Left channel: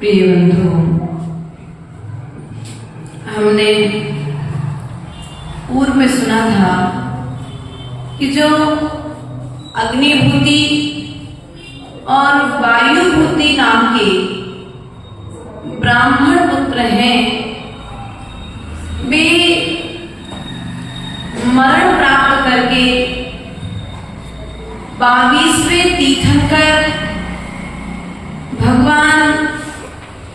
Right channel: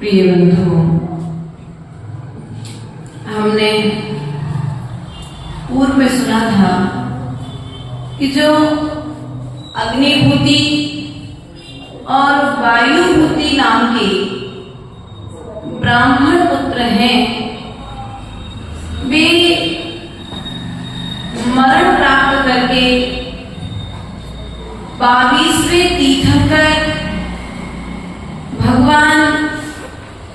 प्रिय बंधुओं, हमने पूर्व में सुना था कि जो अग्निभूति और वायुभूति नाम के ब्राह्मण पुत्र हैं, वे मरण प्राप्त करके 22वें तीर्थंकर भगवान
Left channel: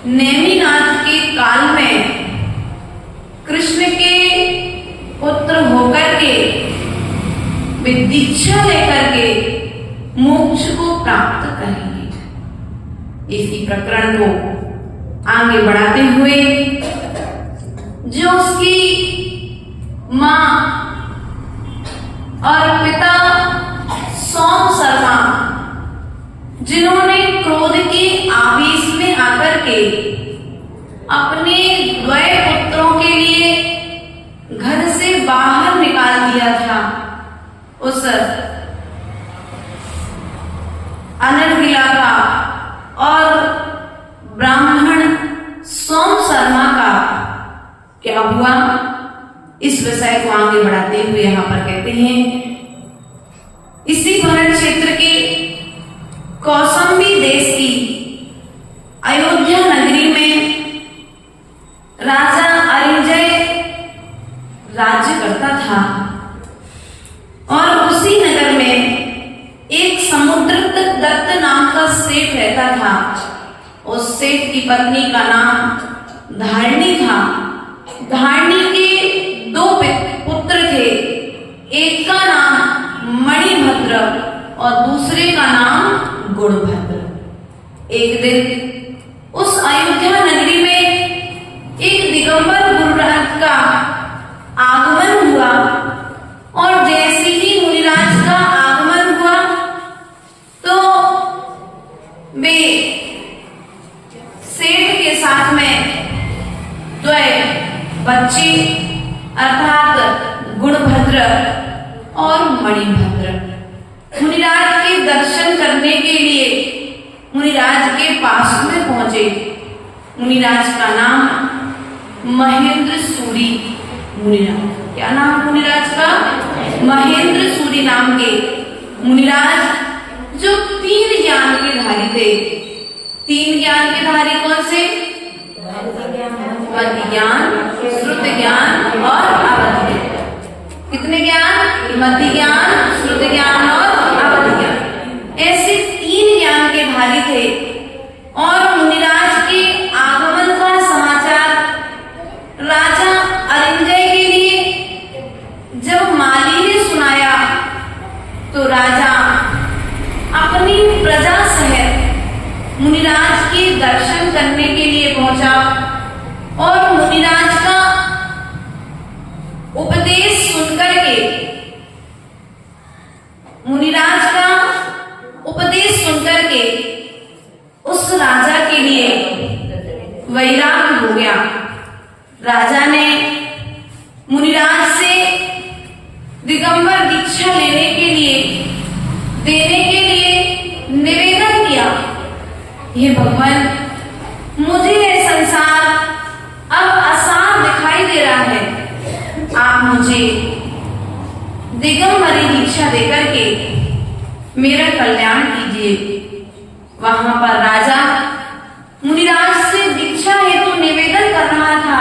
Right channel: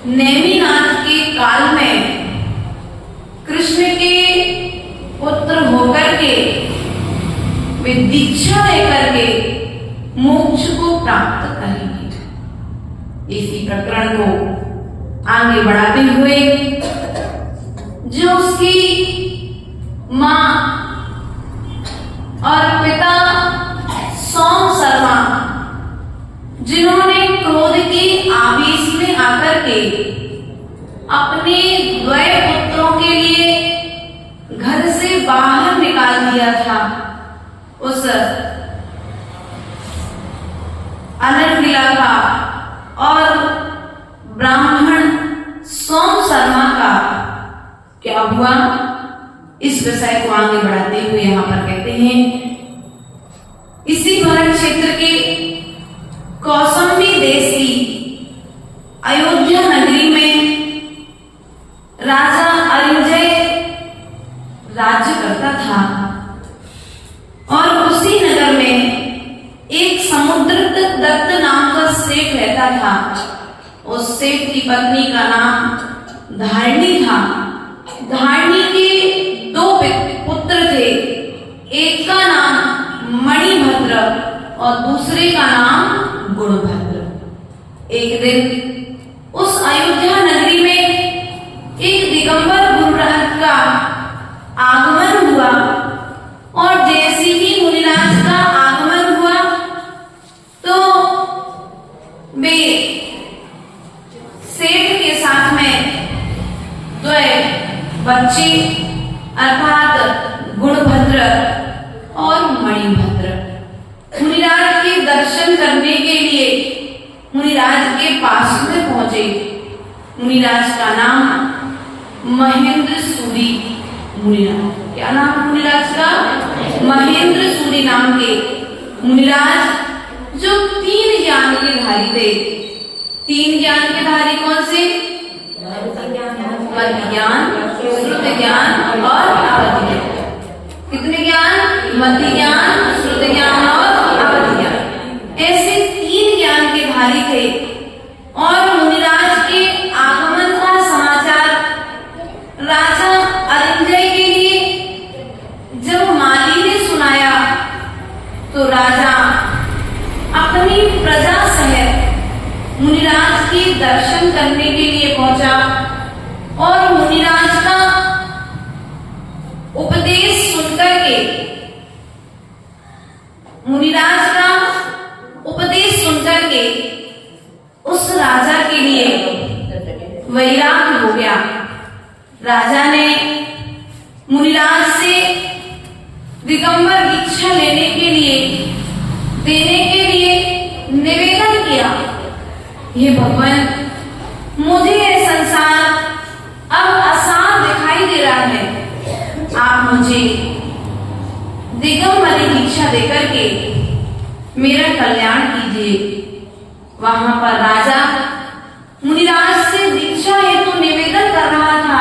नेमिनाथ के काल में कृष्ण के पुत्र होकर के वे दीक्षा लेकर के मोक्ष को प्राप्त करेंगे। इसी प्रकरण को आगे बढ़ाते हुए जो उसकी मां और पिता सोम शर्मा, जिन्होंने क्रोध के आवेश में आकर के अपने द्वय पुत्रों के लिए घर से बाहर निकाल दिया था, उस अनर्गिला का और ब्राह्मण सोम शर्मा का क्या हुआ, इस विषय को आगे बढ़ाते हुए यहाँ पर कहते हैं, इसी भरत क्षेत्र के कौसंबी देश की अयोध्या नगरी में राजा अरिंजय राज्य करता था और उसी नगर में एक समुद्रदत्त नाम का सेठ रहता था। उस सेठ की पत्नी का नाम धारणी था। धारणी के 2 पुत्र थे, एक का नाम मणिभद्र और दूसरे का नाम गुणभद्र। एक दिन उस अयोध्या नगरी में एक दिगंबर गुरुराज का आगमन हुआ और जैसे ही मुनिराज का आगमन हुआ तो वे सेठ के साथ में 2 बच्चे अर्थात गुणभद्र और मणिभद्र मुनिराज के दर्शन करने के लिए मुनिराज के पास में पहुंचे। मुनिराज का नाम महेंद्र सूरी मुनिराज। क्या नाम है मुनिराज का? महेंद्र सूरी नाम के मुनिराज जो 3 ज्ञान के धारी थे। 3 ज्ञान के धारी कौन से? मध्य ज्ञान, श्रुत ज्ञान और अवधि ज्ञान। कितने ज्ञान? मध्य ज्ञान, श्रुत ज्ञान और अवधि ज्ञान। ऐसे 3 ज्ञान के धारी थे और मुनिराज के आगमन का समाचार राजा अरिंजय के लिए जब माली ने सुनाया तो राजा अपनी प्रजा सहित मुनिराज के दर्शन करने के लिए पहुंचा और मुनिराज का उपदेश सुनकर के मुनिराज का उपदेश सुनकर के उस राजा के लिए वैराग्य हो गया। राजा ने मुनिराज से दिगंबर दीक्षा लेने के लिए, देने के लिए निवेदन किया, हे भगवान, मुझे यह संसार अब आसान दिखाई दे रहा है, आप मुझे दिगंबरी दीक्षा देकर के मेरा कल्याण कीजिए। वहां पर राजा मुनिराज से दीक्षा हेतु निवेदन कर रहा था,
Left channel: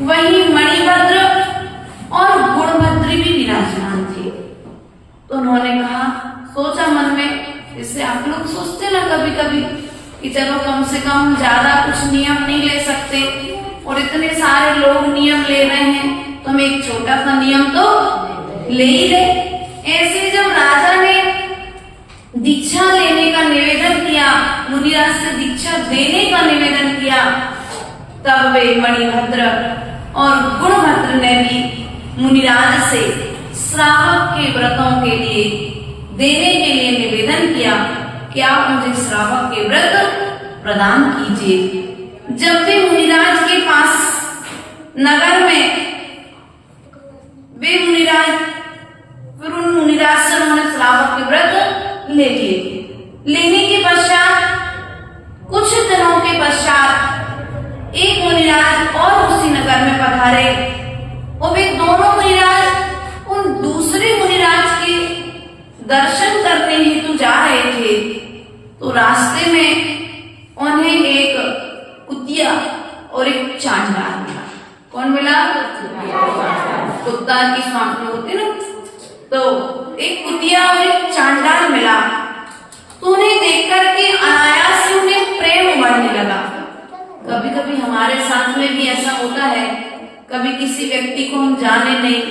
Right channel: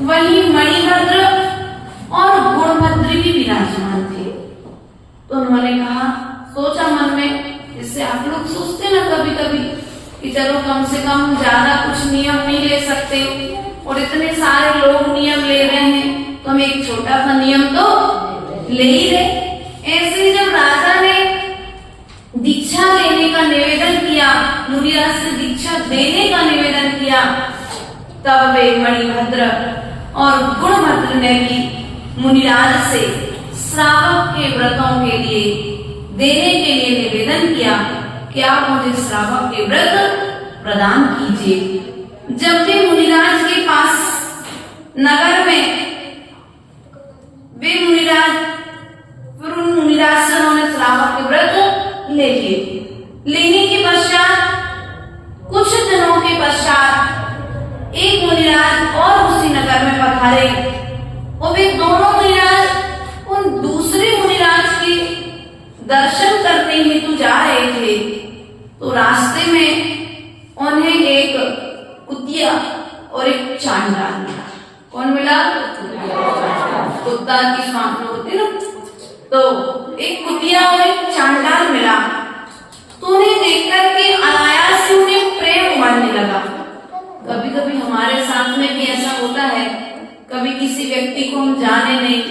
वहीं मणिभद्र और गुणभद्र भी विराजमान थे। तो उन्होंने कहा, सोचा मन में, इससे आप लोग सोचते ना कभी कभी कि चलो कम से कम ज्यादा कुछ नियम नहीं ले सकते, और इतने सारे लोग नियम ले रहे हैं तो हम एक छोटा सा नियम तो ले ही रहे। ऐसे जब राजा ने दीक्षा लेने का निवेदन किया, मुनिराज से दीक्षा देने का निवेदन किया, तब वे मणिभद्र और गुणभद्र ने भी मुनिराज से श्रावक के व्रतों के लिए देने के लिए निवेदन किया कि आप मुझे श्रावक के व्रत प्रदान कीजिए। जब वे मुनिराज के पास नगर में वे मुनिराज से उन्होंने श्रावक के व्रत ले लिए। लेने के पश्चात कुछ दिनों के पश्चात एक मुनिराज और उसी नगर में पधारे, और वे दोनों मुनिराज उन दूसरे मुनिराज के दर्शन करने हेतु जा रहे थे। तो रास्ते में उन्हें एक कुतिया और एक चांडाल मिला। कौन मिला? कुत्ता की स्वामी होती ना, तो एक कुतिया और एक चांडाल मिला। तो उन्हें देख करके अनायास से उन्हें प्रेम बढ़ने लगा। कभी कभी हमारे साथ में भी ऐसा होता है, कभी किसी व्यक्ति को हम जाने नहीं,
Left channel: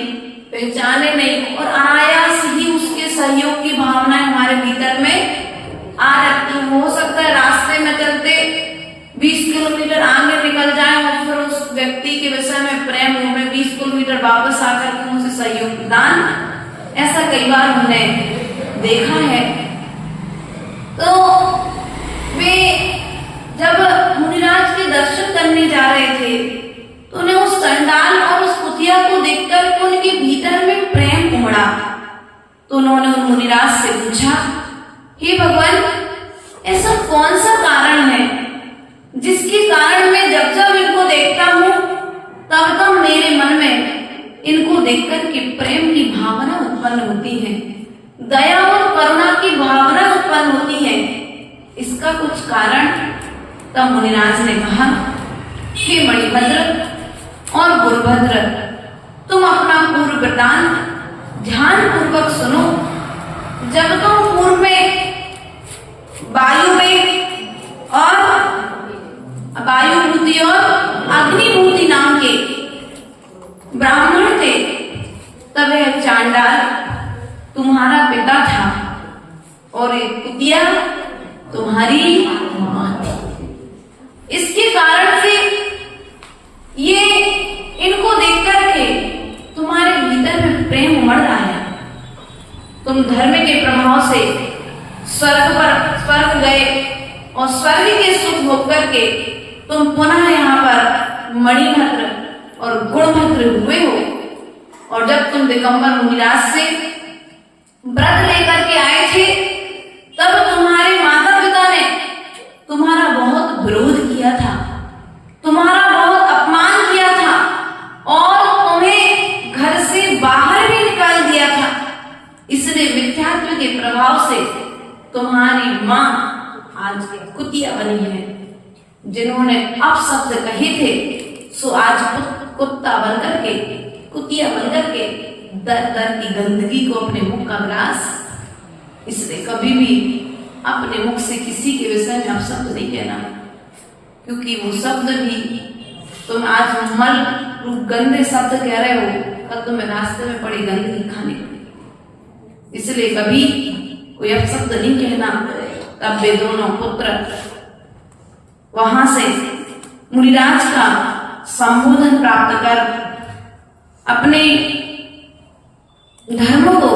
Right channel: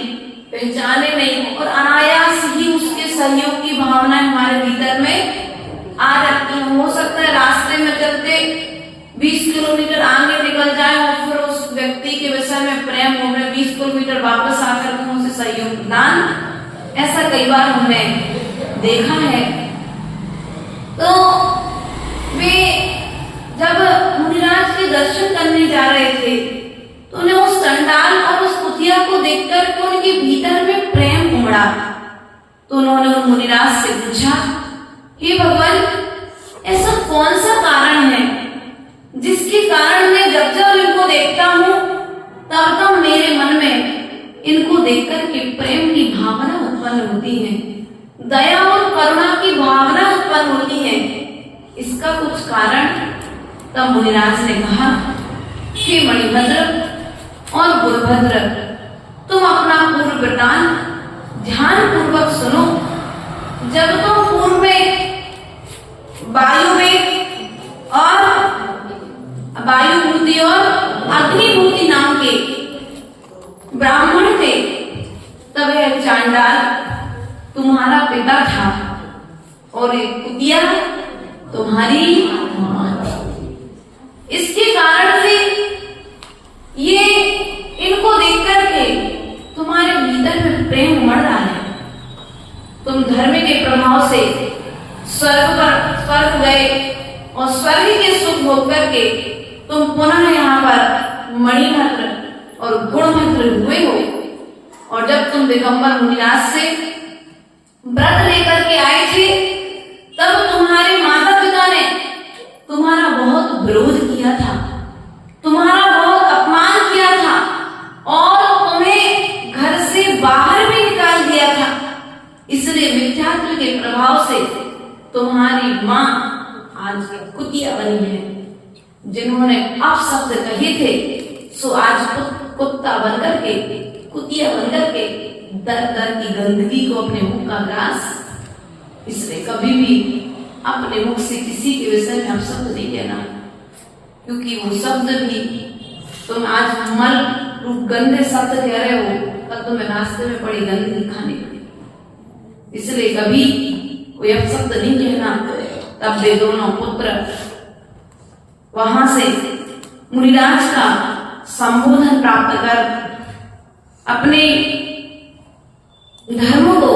पहचाने नहीं, और अनायास ही उसके सहयोग की भावना हमारे भीतर में आ जाती है। हो सकता है रास्ते में चलते 20 किलोमीटर आगे निकल जाए और फिर उस व्यक्ति के विषय में प्रेम हो, में 20 किलोमीटर वापस आकर के उसे सहयोग प्रदान, ऐसा कई बार हमने देखा है। तो वे जब मुनिराज के दर्शन करने जा रहे थे, तो उन्हें उस चंडाल और उस कुतिया को देखकर उनके भीतर में प्रेम उमड़ा। तो उन्होंने उन मुनिराज से पूछा, हे भगवान, ऐसा कौन सा कारण है जिसके कारण मैं जब जब इनको देखता हूँ तब तब मेरे मन में इनको देखकर के प्रेम की भावना उत्पन्न होती है, दया और करुणा की भावना उत्पन्न होती है, इसका कुछ कारण? तब मुनिराज ने कहा, हे मणिभद्र और गुरुभद्र, तुम अपना पूर्व वृत्तांत ध्यान पूर्वक सुनो। जब तुम पूर्व में वायुभूति और अग्निभूति नाम के ब्राह्मण थे, तब यह चांडाल तुम्हारा पिता था और एक कुतिया तुम्हारी मां थी। इसके कारण से ये इनको देख करके तुम्हारे भीतर में प्रेम उमड़ रहा है। तुम धर्म के प्रभाव से स्वर्ग गए और स्वर्ग के सुख भोग करके तुम पुनः यहाँ पर मणिभद्र और गुणभद्र हुए हो। और जब तुम दिगंबर मुनिराज से व्रत लेकर के आए थे, तब तुम्हारे माता पिता ने तुम्हारा बहुत विरोध किया था, तुम्हारा बहुत अपमान किया था और तुम्हें घर से बाहर भी निकाल दिया था। इसलिए मिथ्यात्व के प्रभाव से तुम्हारी मां आज कुतिया बनी है। जिन्होंने अपशब्द कहे थे सो आज कुत्ता बनकर के, कुतिया बनकर के दर दर की गंदगी को अपने मुख का ग्रास। इसलिए कभी भी अपने मुख से किसी के विषय में अपशब्द नहीं कहना, क्योंकि वो शब्द भी तुम आज मल रूप गंदे शब्द कह रहे हो, कल तुम्हें रास्ते में बड़ी गंदगी खाने पड़ी। इसलिए कभी कोई अपशब्द नहीं कहना। तब वे दोनों पुत्र वहां से मुनिराज का संबोधन प्राप्त कर अपने धर्म को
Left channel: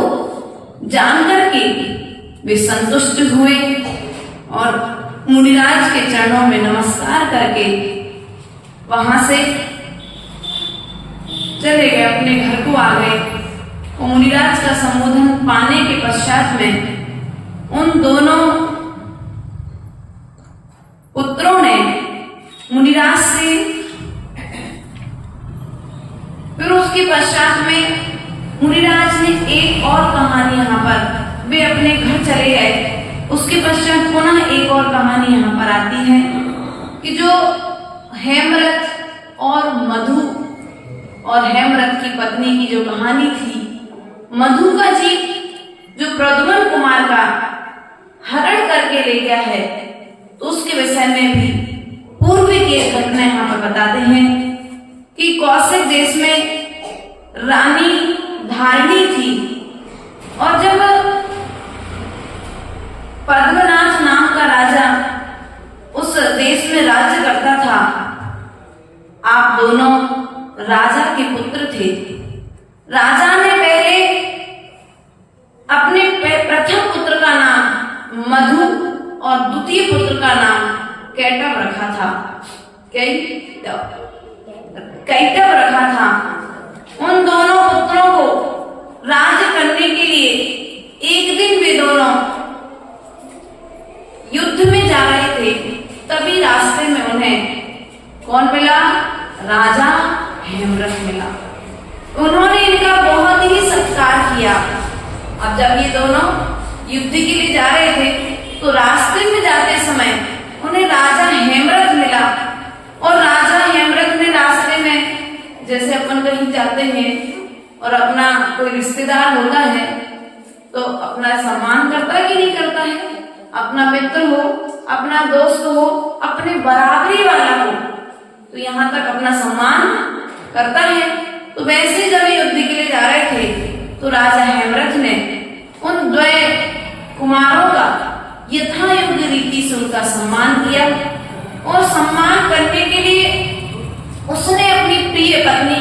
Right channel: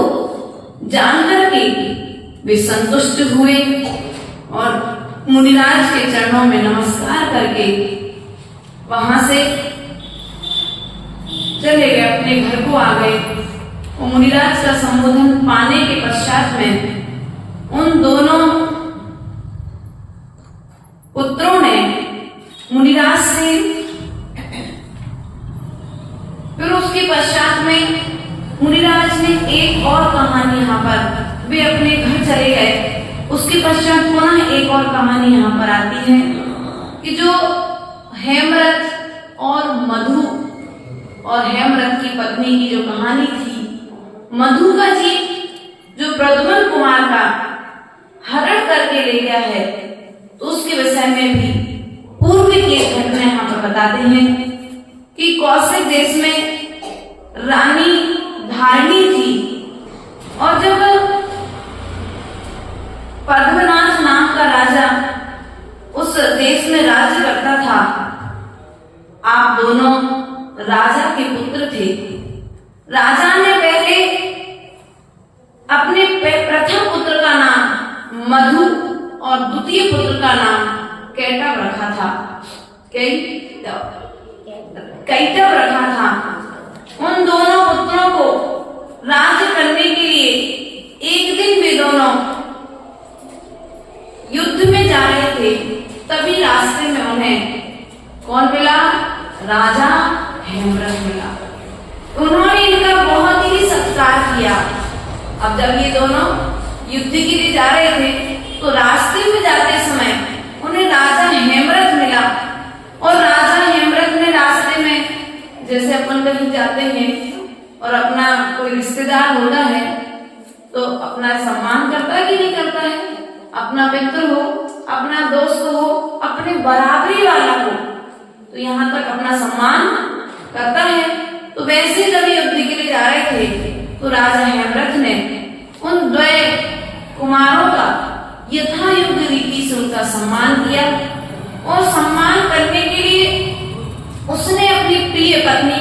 जानकर वे संतुष्ट हुए और मुनिराज के चरणों में नमस्कार करके वहां से चले गए, अपने घर को आ गए। और मुनिराज का संबोधन पाने के पश्चात में उन दोनों पुत्रों ने मुनिराज से, फिर उसके पश्चात में मुनिराज ने एक और कहानी, यहाँ पर वे अपने घर चले गए। उसके पश्चात पुनः एक और कहानी यहाँ पर आती है कि जो हेमरथ और मधु और हेमरथ की पत्नी की जो कहानी थी, मधु का जीव जो प्रद्युम्न कुमार का हरण करके ले गया है, तो उसके विषय में भी पूर्व की एक घटना यहाँ पर बताते हैं कि कौशिक देश में रानी धारिणी थी, और जब पद्मनाथ नाम का राजा उस देश में राज्य करता था, आप दोनों राजा के पुत्र थे। राजा ने पहले अपने प्रथम पुत्र का नाम मधु और द्वितीय पुत्र का नाम कैटव रखा था। कैटव रखा था। उन दोनों पुत्रों को राज्य करने के लिए एक दिन वे दोनों युद्ध में जा रहे थे, तभी रास्ते में उन्हें कौन मिला? राजा हेमरथ मिला। उन्होंने इनका बहुत ही सत्कार किया। अब जब ये दोनों युद्ध के लिए जा रहे थे, तो रास्ते में जाते समय उन्हें राजा हेमरथ मिला, और राजा हेमरथ ने रास्ते में, जैसे अपन कहीं जाते हैं और अपना कोई रिश्तेदार होता है तो अपना सम्मान करता है कि नहीं करता है? अपना मित्र हो, अपना दोस्त हो, अपने बराबरी वाला हो, तो यहाँ तक अपना सम्मान करता है। तो वैसे जब युद्ध के लिए जा रहे थे, तो राजा हेमरथ ने उन द्वय कुमारों का यथा योग्य रीति से उनका सम्मान किया, और सम्मान करने के लिए उसने अपनी प्रिय पत्नी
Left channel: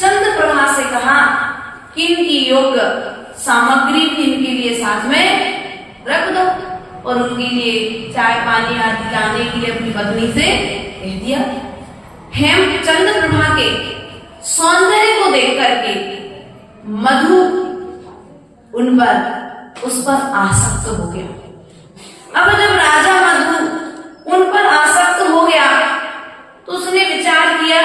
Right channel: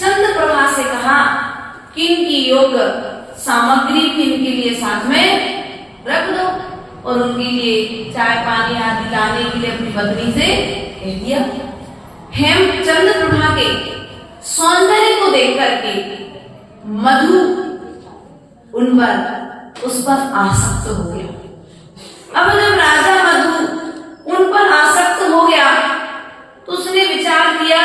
चंद्रप्रभा से कहा कि इनकी योग सामग्री भी इनके लिए साथ में रख दो, और उनके लिए चाय पानी आदि लाने के लिए अपनी पत्नी से कह दिया। चंद्रप्रभा के सौंदर्य को देख करके मधु उस पर आसक्त हो गया। अब जब राजा मधु उन पर आसक्त हो गया, तो उसने विचार किया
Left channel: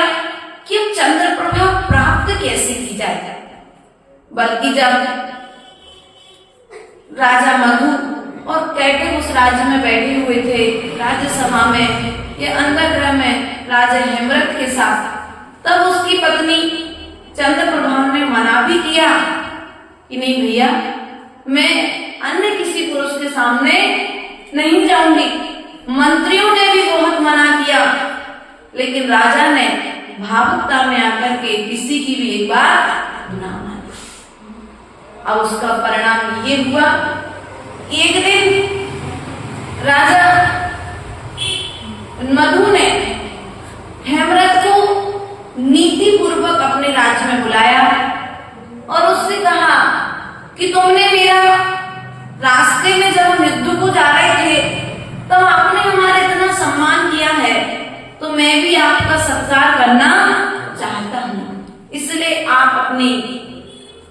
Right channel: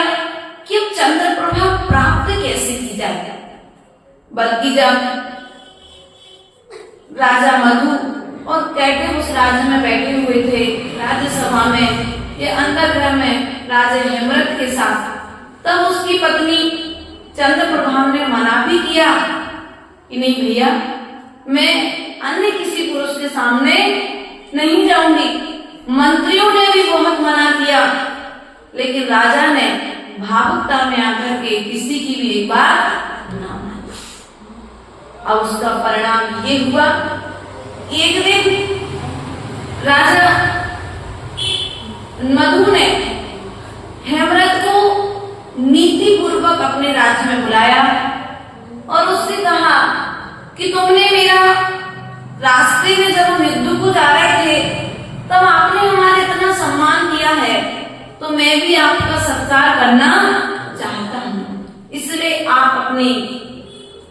कि अब चंद्रप्रभा प्राप्त कैसे की जाए। बल्कि जब राजा मधु और कैटव उस राज्य में बैठे हुए थे, राज्यसभा में या अंतर्गृह में राजा हेमरथ के साथ, तब उसकी पत्नी चंद्रप्रभा ने मना भी किया कि नहीं भैया, मैं अन्य किसी पुरुष के सामने नहीं जाऊंगी। मंत्रियों ने भी बहुत मना किया, लेकिन राजा ने भावुकता में आकर के किसी की भी एक बात ना मानी। अब उसका परिणाम ये हुआ, एक दिन राजा मधु ने हेमरथ को नीति पूर्वक अपने राज्य में बुलाया और उससे कहा कि तुमने मेरा रास्ते में जब हम युद्ध को जा रहे थे, तब आपने हमारा इतना सम्मान किया है, तो मैं भी आपका सत्कार करना चाहता हूँ। इसलिए आप अपनी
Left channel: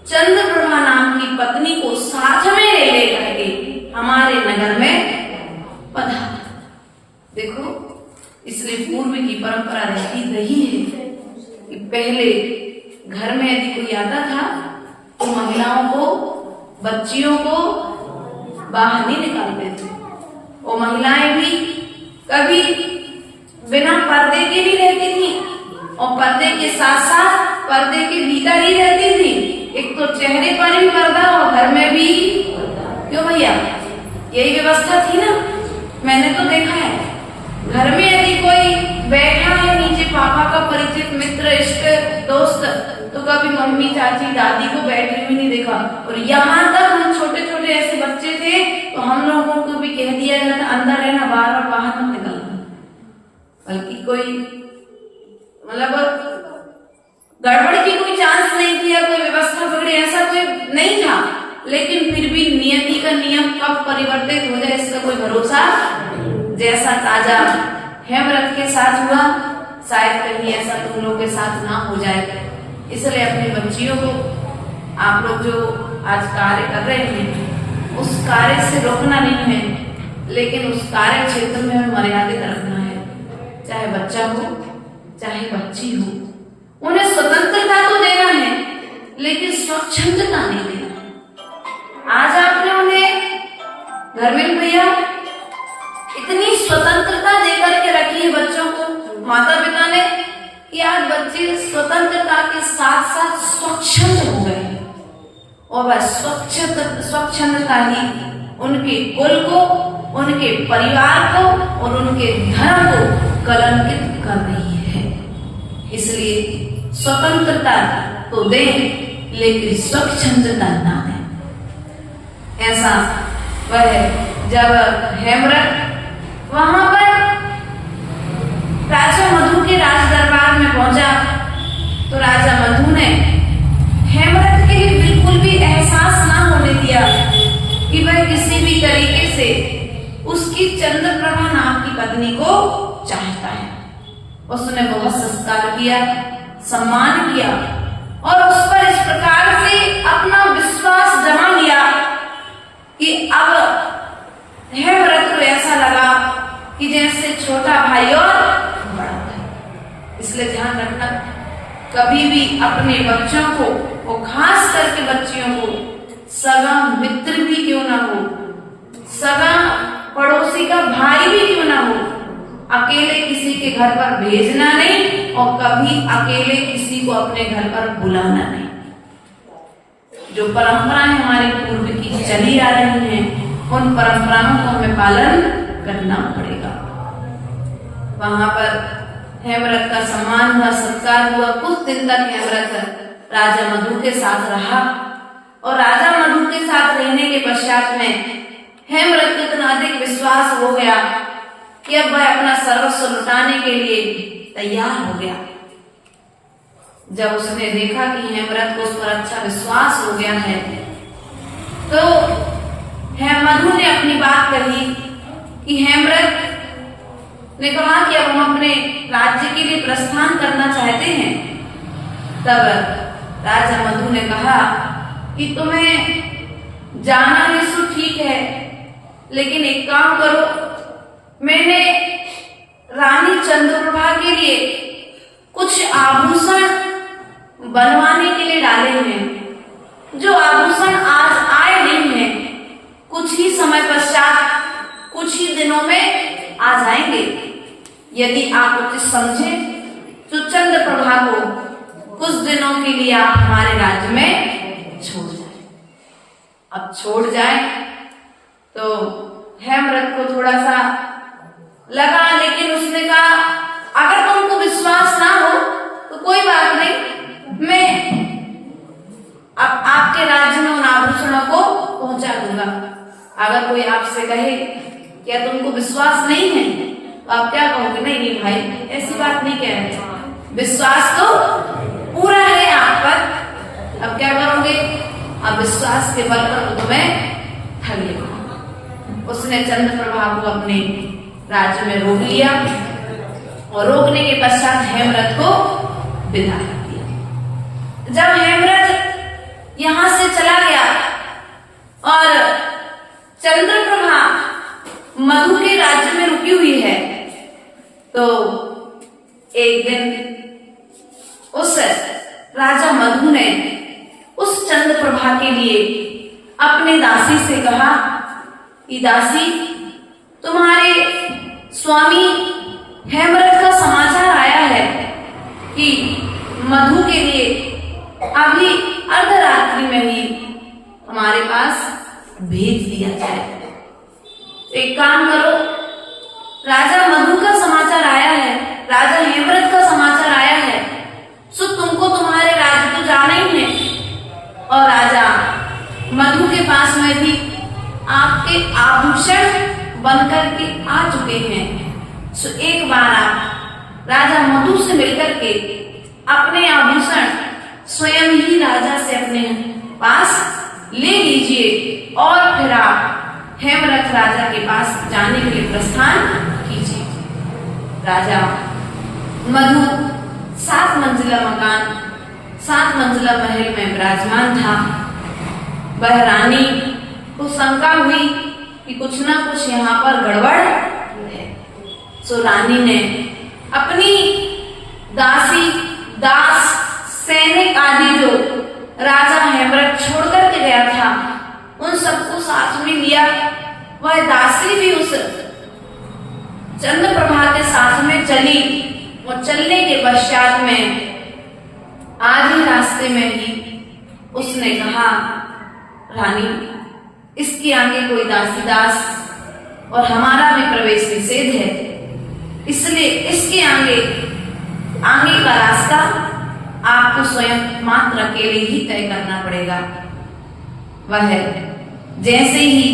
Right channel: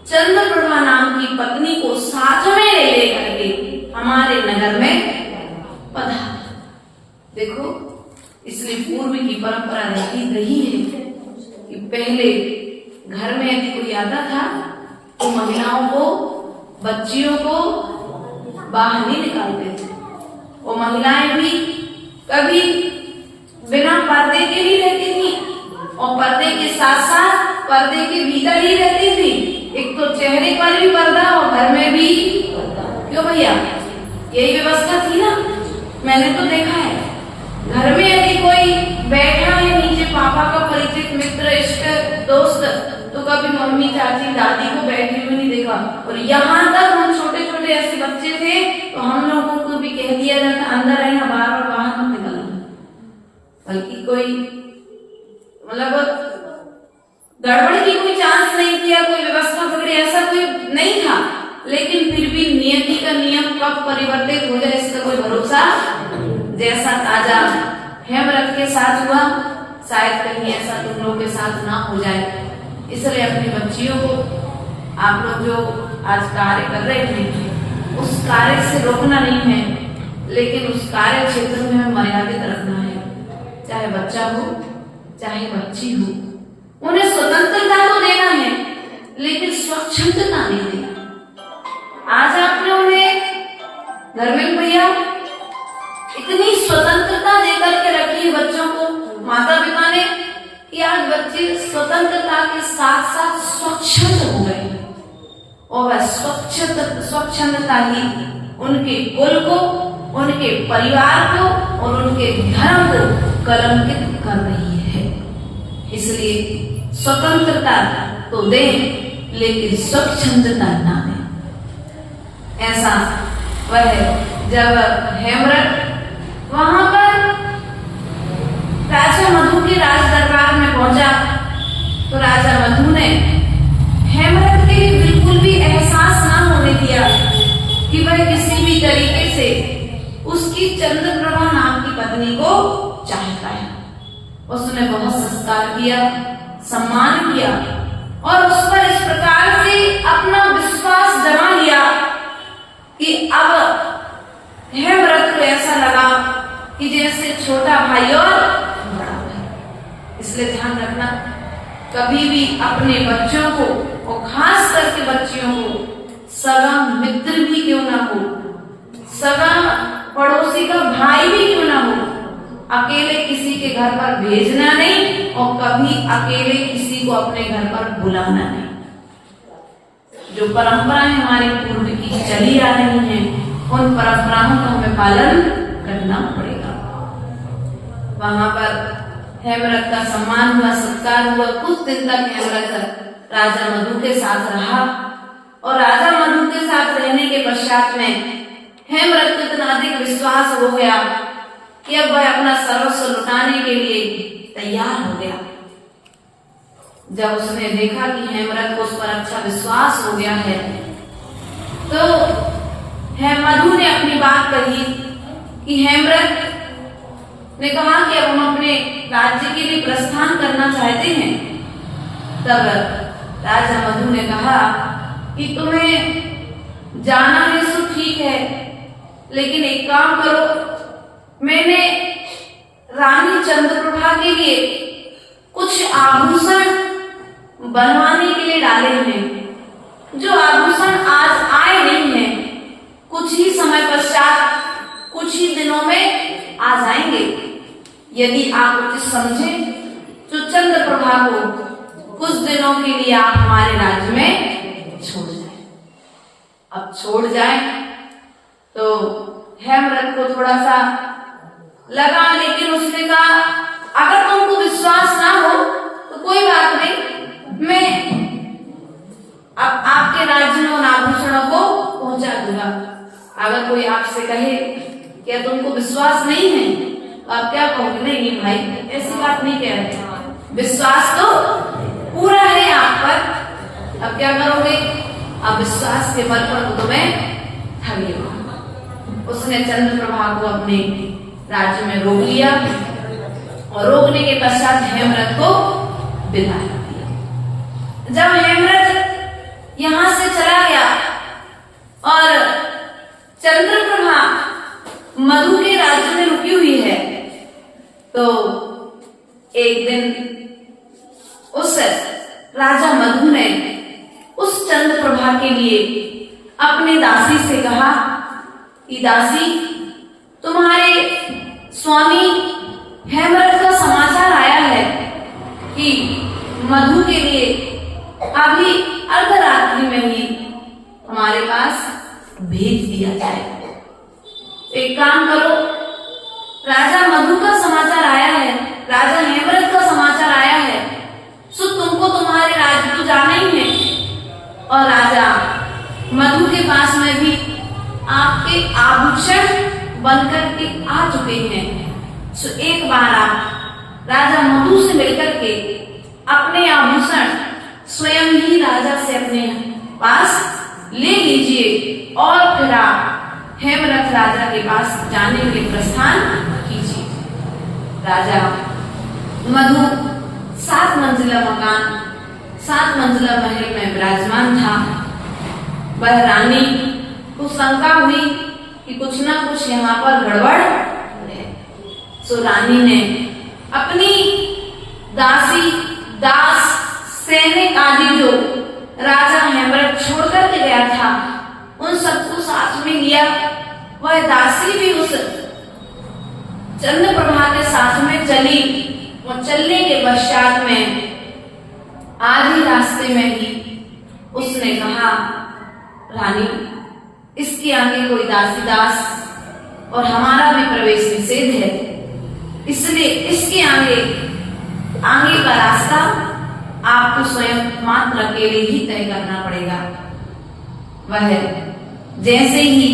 चंद्रप्रभा नाम की पत्नी को साथ में ले करके हमारे नगर में पधारा। देखो, इसलिए पूर्व की परंपरा रहती रही है कि पहले घर में यदि कोई आता था तो महिलाओं को, बच्चियों को बाहर नहीं निकालते थे। वो महिलाएं भी कभी बिना पर्दे के भी रहती थी, और पर्दे के साथ साथ पर्दे के भीतर ही रहती थी। एक तो चेहरे पर भी पर्दा और घर में भी। क्यों भैया, यही व्यवस्था थी ना। मैंने तो देखा है, घर में यदि कोई बैठा है नीचे, पापा का परिचित मित्र, इष्ट, दोस्त, तो कभी मम्मी, चाची, दादी को बैठे हुए नहीं देखा। और यहाँ तक हम छोटे छोटे ऐसे बच्चे थे तो हम लोगों को भी कह दिया जाता अंदर रहना, बार बाहर मत निकलना। बल्कि कोई मतलब गड़बड़ की कोई चांस नहीं किया, कोई व्यवस्था बिगड़ी, ऐसा कोई नहीं था। लेकिन फिर भी नियति का नियम कब परिवर्तित हो जाए इसका कोई भरोसा। जैसा राजा हेमरथ के साथ हुआ, शायद कहीं ऐसा तुम लोग के साथ ना हो जाए। इसलिए अपनी बच्चियों को आप लोग जो आज कार्य कर रहे हैं उस कार्य से रोकना नहीं है, लेकिन उस कार्य क्षेत्र में मर्यादित रखना है। चाहे बच्चा हो चाहे बच्ची हो, उन्हें स्वतंत्रता तो देना है लेकिन स्वच्छंदता नहीं देना। आज आपने उन्हें धर्मेंद्र भैया इतनी स्वतंत्रता देकर के रखी है बच्चों को, माता पिता ने, कि आज बच्चे स्वतंत्रता के साथ साथ स्वच्छंद हो गए और वह स्वच्छंदता ही उनके कुल को, उनके परिवार को और उनके धर्म को कलंकित कर रही है। इसलिए स्वतंत्रता तो दें लेकिन स्वच्छंदता ना दें। ऐसा वह जब हेमरथ वहां पर राजा मधु के राज दरबार में पहुंचा तो राजा मधु ने हेमरथ के लिए बिल्कुल भी एहसास ना होने दिया कि वह किसी भी तरीके से उसकी चंद्रप्रभा नाम की पत्नी को चाहता है। उसने बहुत सत्कार किया, सम्मान किया और उस पर इस प्रकार से अपना विश्वास जमा लिया कि अब हेमरथ को ऐसा लगा कि जैसे छोटा भाई और बड़ा भाई। इसलिए ध्यान रखना, कभी भी अपने बच्चों को और खास करके बच्चियों को सगा मित्र भी क्यों ना हो, सगा पड़ोसी का भाई भी क्यों ना हो, अकेले किसी के घर पर भेजना नहीं और कभी अकेले किसी को अपने घर पर बुलाना नहीं। जो परंपराएं हमारे पूर्व की चली आ रही हैं उन परंपराओं का हमें पालन करना पड़ेगा। वहां पर हेमरथ का सम्मान हुआ, सत्कार हुआ। कुछ दिन तक हेमरथ राजा मधु के साथ रहा और राजा मधु के साथ रहने के पश्चात में हेमरथ को इतना अधिक विश्वास हो गया कि अब वह अपना सर्वस्व लुटाने के लिए तैयार हो गया। जब उसने देखा कि हेमरथ को उस पर अच्छा विश्वास हो गया है तो मधु ने अपनी बात कही कि हेमरथ ने कहा कि अब हम अपने राज्य के लिए प्रस्थान करना चाहते हैं। तब राजा मधु ने कहा कि तुम्हें जाना है सो ठीक है, लेकिन एक काम करो, मैंने रानी चंद्रप्रभा के लिए कुछ आभूषण बनवाने के लिए डाले हैं। जो आभूषण आज आए नहीं हैं, कुछ ही समय पश्चात, कुछ ही दिनों में आ जाएंगे। यदि आप उचित समझे तो चंद्रप्रभा को कुछ दिनों के लिए आप हमारे राज्य में छोड़ जाए। अब छोड़ जाए तो हेमरथ को थोड़ा सा लगा, लेकिन उसने कहा अगर तुमको विश्वास ना हो तो कोई बात नहीं, मैं अब आपके राज्य में उन आभूषणों को पहुंचा दूंगा। अगर कोई आपसे कहे क्या तुमको विश्वास नहीं है तो आप क्या कहोगे? नहीं नहीं भाई, ऐसी बात नहीं कह रहे, विश्वास तो पूरा है आप पर। अब क्या करोगे? अब विश्वास के बल पर तुम्हें ठग लेगा। उसने चंद्रप्रभा को अपने राज्य में रोक लिया और रोकने के पश्चात हेमरथ को विदा कर दिया। जब हेमरथ यहां से चला गया और चंद्रप्रभा मधु के राज्य में रुकी हुई है तो एक दिन उस राजा मधु ने उस चंद्रप्रभा के लिए अपने दासी से कहा कि दासी, तुम्हारे स्वामी हेमरथ का समाचार आया है कि मधु के लिए अभी अर्धरात्रि में ही हमारे पास भेज दिया जाए। एक काम करो, राजा मधु का समाचार आया है, राजा हेमरथ का समाचार आया है, सो तुमको तुम्हारे राज्य तो जाना ही है और राजा मधु के पास में भी आपके आभूषण बनकर के आ चुके हैं। सो एक बार आप राजा मधु से मिलकर के अपने आभूषण स्वयं ही राजा से अपने पास ले लीजिए हेमरथ राजा के पास जाने के लिए प्रस्थान कीजिए। राजा मधु 7 मंजिला मकान, 7 मंजिला महल में विराजमान था। वह रानी को शंका हुई कि कुछ ना कुछ यहाँ पर गड़बड़ है। सो रानी ने अपनी दासी, दास, सैनिक आदि जो राजा हेमरथ छोड़ करके गया था उन सबको साथ में लिया। वह दासी भी उस चंद्रप्रभा के साथ में चली। और चलने के पश्चात में आधे रास्ते में ही उसने कहा, रानी, इसके आगे कोई दासी दास और हमारा भी प्रवेश निषेध है, इसलिए इसके आगे का रास्ता आपको स्वयं मात्र अकेले ही तय करना पड़ेगा। वह जैसे ही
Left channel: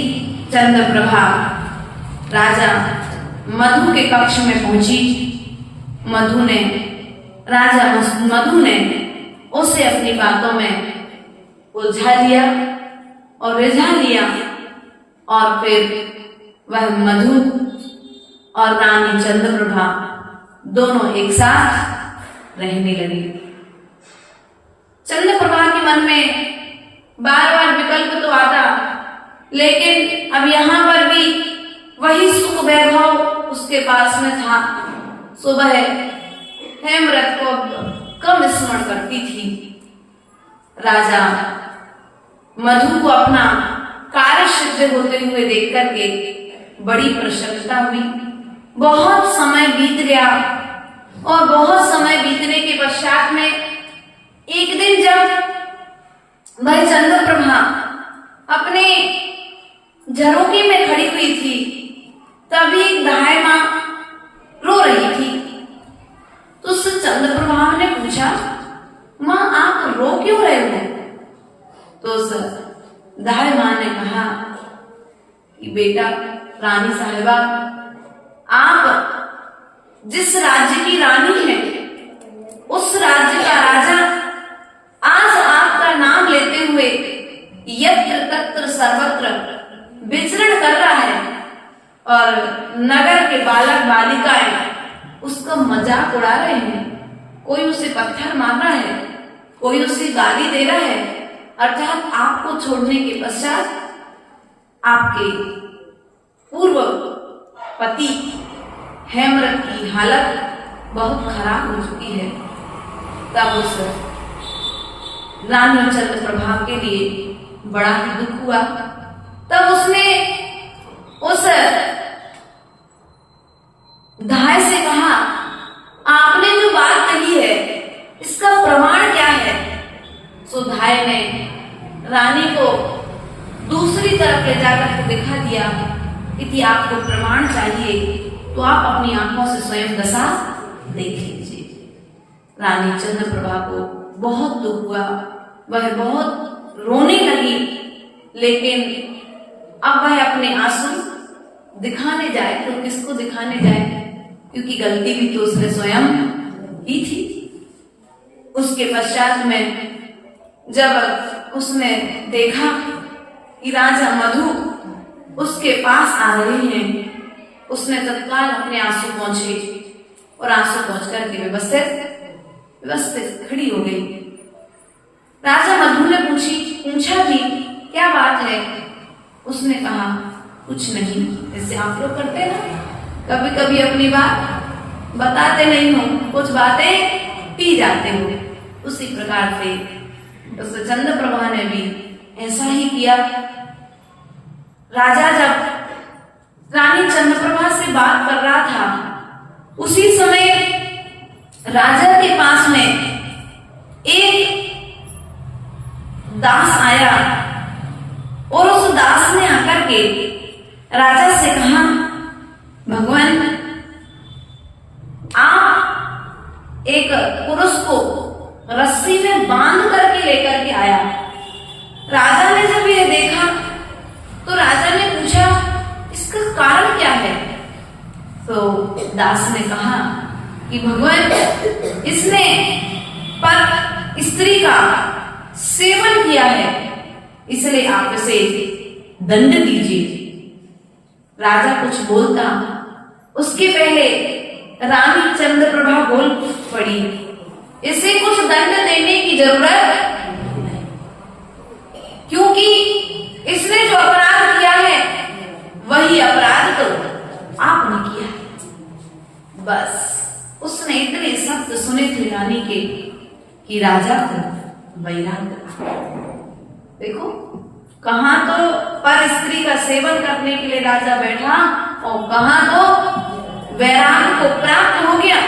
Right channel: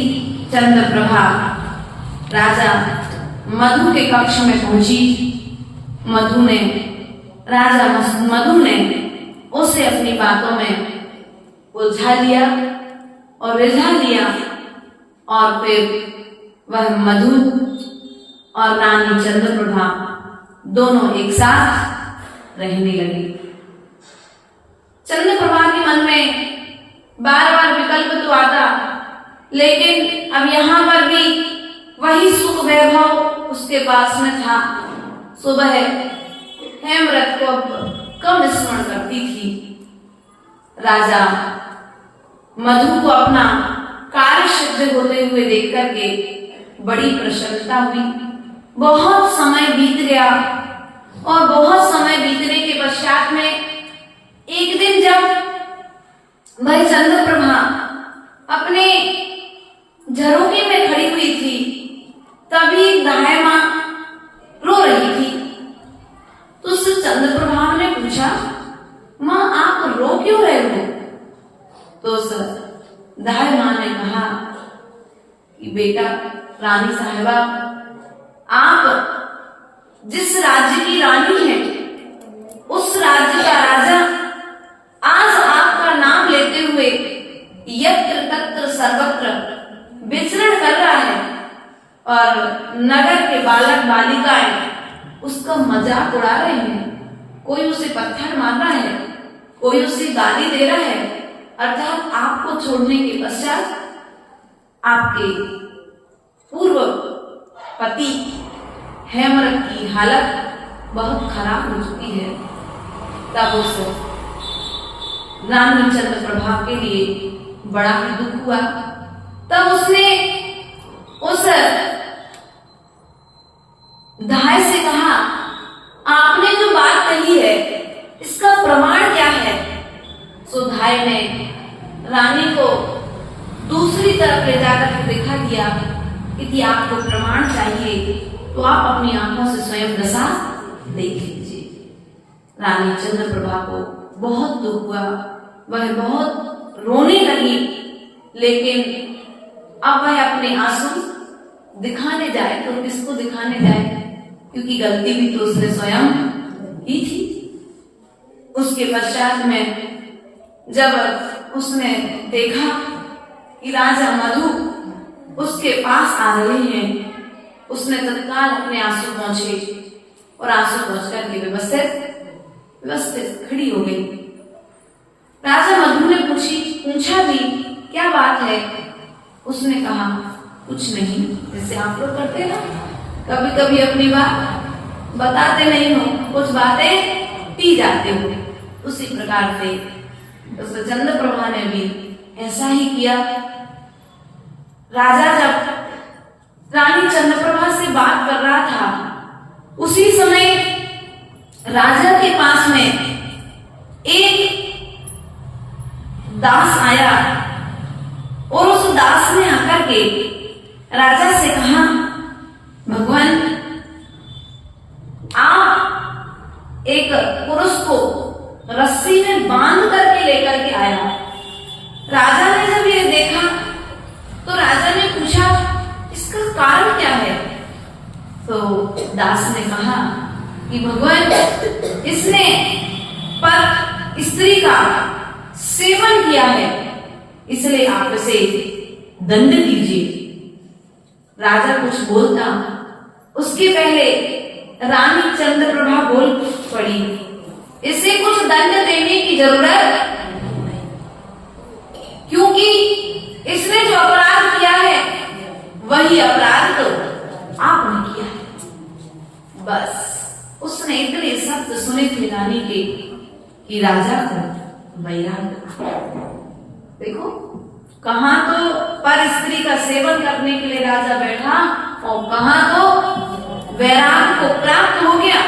चंद्रप्रभा राजा मधु के कक्ष में पहुंची, राजा मधु ने उसे अपनी बातों में उलझा लिया और रिझा लिया। और फिर वह मधु और रानी चंद्रप्रभा दोनों एक साथ रहने लगी। चंद्रप्रभा के मन में बार बार विकल्प तो आता, लेकिन अब यहाँ पर भी वही सुख वैभव उसके पास में था। सो वह हेमरथ को कम स्मरण करती थी। राजा मधु को अपना कार्य सिद्ध होते हुए देख करके बड़ी प्रसन्नता हुई। बहुत समय बीत गया और बहुत समय बीतने के पश्चात में एक दिन जब वह चंद्रप्रभा अपने झरोखे में खड़ी हुई थी, तभी दाई मां रो रही थी। तो उस चंद्रप्रभा ने पूछा, मां आप रो क्यों रहे हो? तो उस दाई मां ने कहा कि बेटा रानी साहिबा, आप जिस राज्य की रानी है उस राज्य का राजा आज आपका नाम लेते हुए यत्र तत्र सर्वत्र विचरण कर रहा है और नगर के बालक बालिकाएं उसका मजाक उड़ा रहे हैं। कोई उसे पत्थर मार रहा है, कोई उसे गाली दे रहा है। अर्थात आपको छोड़ने के पश्चात आपके पूर्व पति हेमरथ की हालत बहुत खराब हो चुकी है। तब उस रानी चंद्रप्रभा के लिए बड़ा ही दुख हुआ। तब उसने उस दाई से कहा, आपने जो बात कही है इसका प्रमाण क्या है? सो दाई ने रानी को दूसरी तरफ ले जाकर के दिखा दिया। यदि आपको प्रमाण चाहिए तो आप अपनी आंखों से स्वयं दशा देख लीजिए। रानी चंद्रप्रभा को बहुत दुख हुआ, वह बहुत रोने लगी, लेकिन अब वह अपने आंसू दिखाने जाए तो किसको दिखाने जाए, क्योंकि गलती भी तो उसने स्वयं की थी। उसके पश्चात में जब उसने देखा कि राजा मधु उसके पास आ रहे हैं, उसने तत्काल अपने आंसू पहुंचे और आंसू पहुंच करके व्यवस्थित खड़ी हो गई। राजा मधु ने पूछा भी, क्या बात है? उसने कहा, कुछ नहीं, जैसे आप लोग करते ना, कभी कभी अपनी बात बताते नहीं हो, कुछ बातें पी जाते हो। उसी प्रकार से उस चंद्रप्रभा ने भी ऐसा ही किया। राजा जब रानी चंद्रप्रभा से बात कर रहा था, उसी समय राजा के पास में एक दास आया और उस दास ने आकर के राजा से कहा, भगवान, आप एक पुरुष को रस्सी में बांध करके लेकर के आया। राजा ने जब यह देखा तो राजा ने पूछा, इसका कारण क्या है? तो दास ने कहा कि भगवान, इसने पर स्त्री का सेवन किया है, इसलिए आप इसे दंड दीजिए। राजा कुछ बोलता, उसके पहले रानी चंद्रप्रभा बोल पड़ी, इसे कुछ दंड देने की जरूरत, क्योंकि इसने जो अपराध किया है वही अपराध तो आपने किया है। बस उसने इतने शब्द सुने थे रानी के कि राजा को वैराग्य। देखो, कहां तो पर स्त्री का सेवन करने के लिए राजा बैठा और कहां तो वैराग्य को प्राप्त हो गया।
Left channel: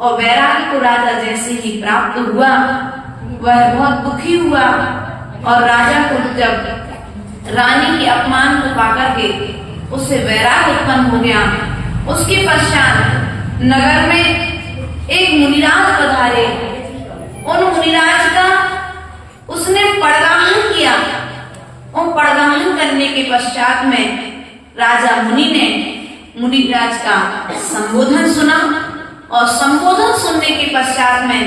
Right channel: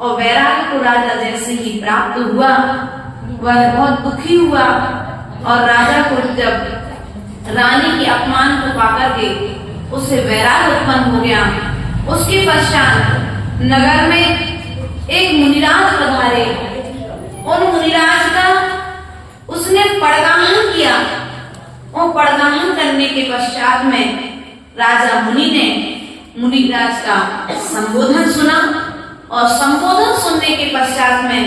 और वैराग्य को राजा जैसे ही प्राप्त हुआ वह बहुत दुखी हुआ, और राजा को जब रानी के अपमान को पाकर के उसे वैराग्य उत्पन्न हो गया। उसके पश्चात नगर में एक मुनिराज पधारे। उन मुनिराज का उसने पड़गाहन किया, और पड़गाहन करने के पश्चात में राजा मुनि ने मुनिराज का संबोधन सुना, और संबोधन सुनने के पश्चात में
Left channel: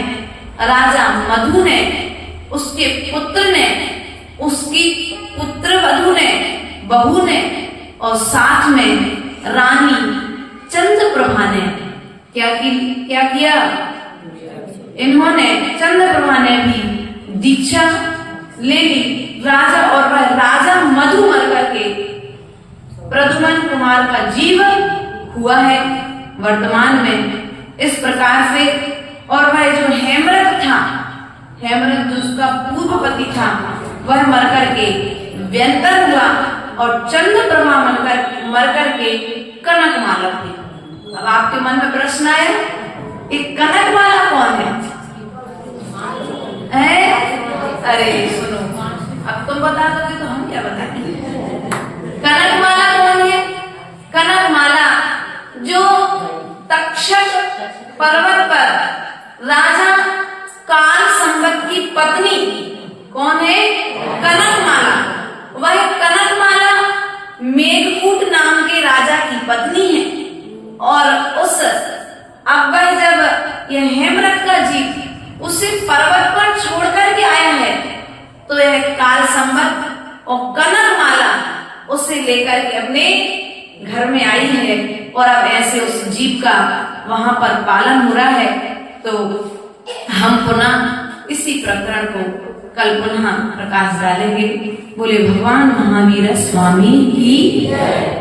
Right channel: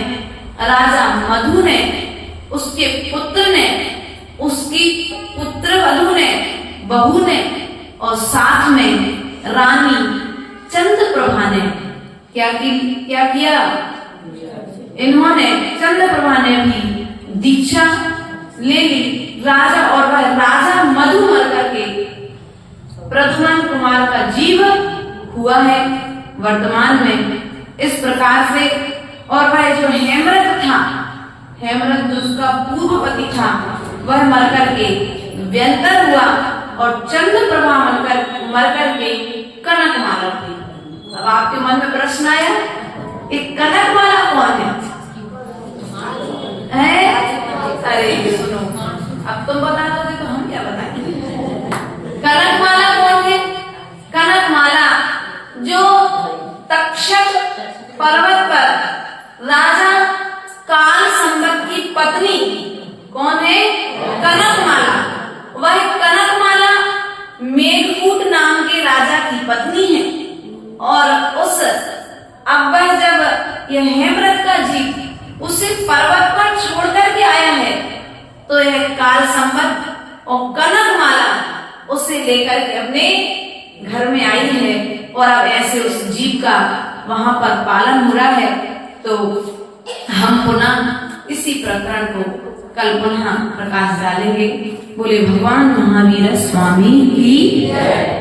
राजा मधु ने, उसके पुत्र ने, उसकी पुत्र वधु ने, बहू ने, और साथ में रानी चंद्रप्रभा ने क्या किया? इन्होंने, चंद्रप्रभा ने भी दीक्षा ले ली राजा, और वह राजा मधु मर करके प्रद्युम्न कुमार का जीव हुआ है वर्तमान में। इस प्रकार से, और वह जो हेमरथ था, हेमरथ जो उसका पूर्व पति था, वह मर करके व्यंतर हुआ, और चंद्रप्रभा मर करके कनकमाला हुई। अब आपके मन में प्रश्न आया, एक कनकमाला कौन है? अरे सुनो, अब तुम बता दोगे तो हम क्या बताएंगे। कनकमाला कौन है? कनकमाला जो तक्षक पर्वत पर राजा काल संबत की पत्नी, कौन है? कनकमाला। वह कनकमाला मेघकूट नाम के राजा की पत्नी है। और उस अब वह जब यह हेमरथ का जीव उसे पर्वत पर छोड़ करके आया है, तो यह काल संबत और कनकमाला उसे लेकर के अपने घर में आई है, और अब ऐसे उस जीव का वहां पर पालन हो रहा है। तो हम पुनः इसी प्रकरण को कल पुनः प्रकाश डालेंगे। बोले भगवान महावीर स्वामी की जय।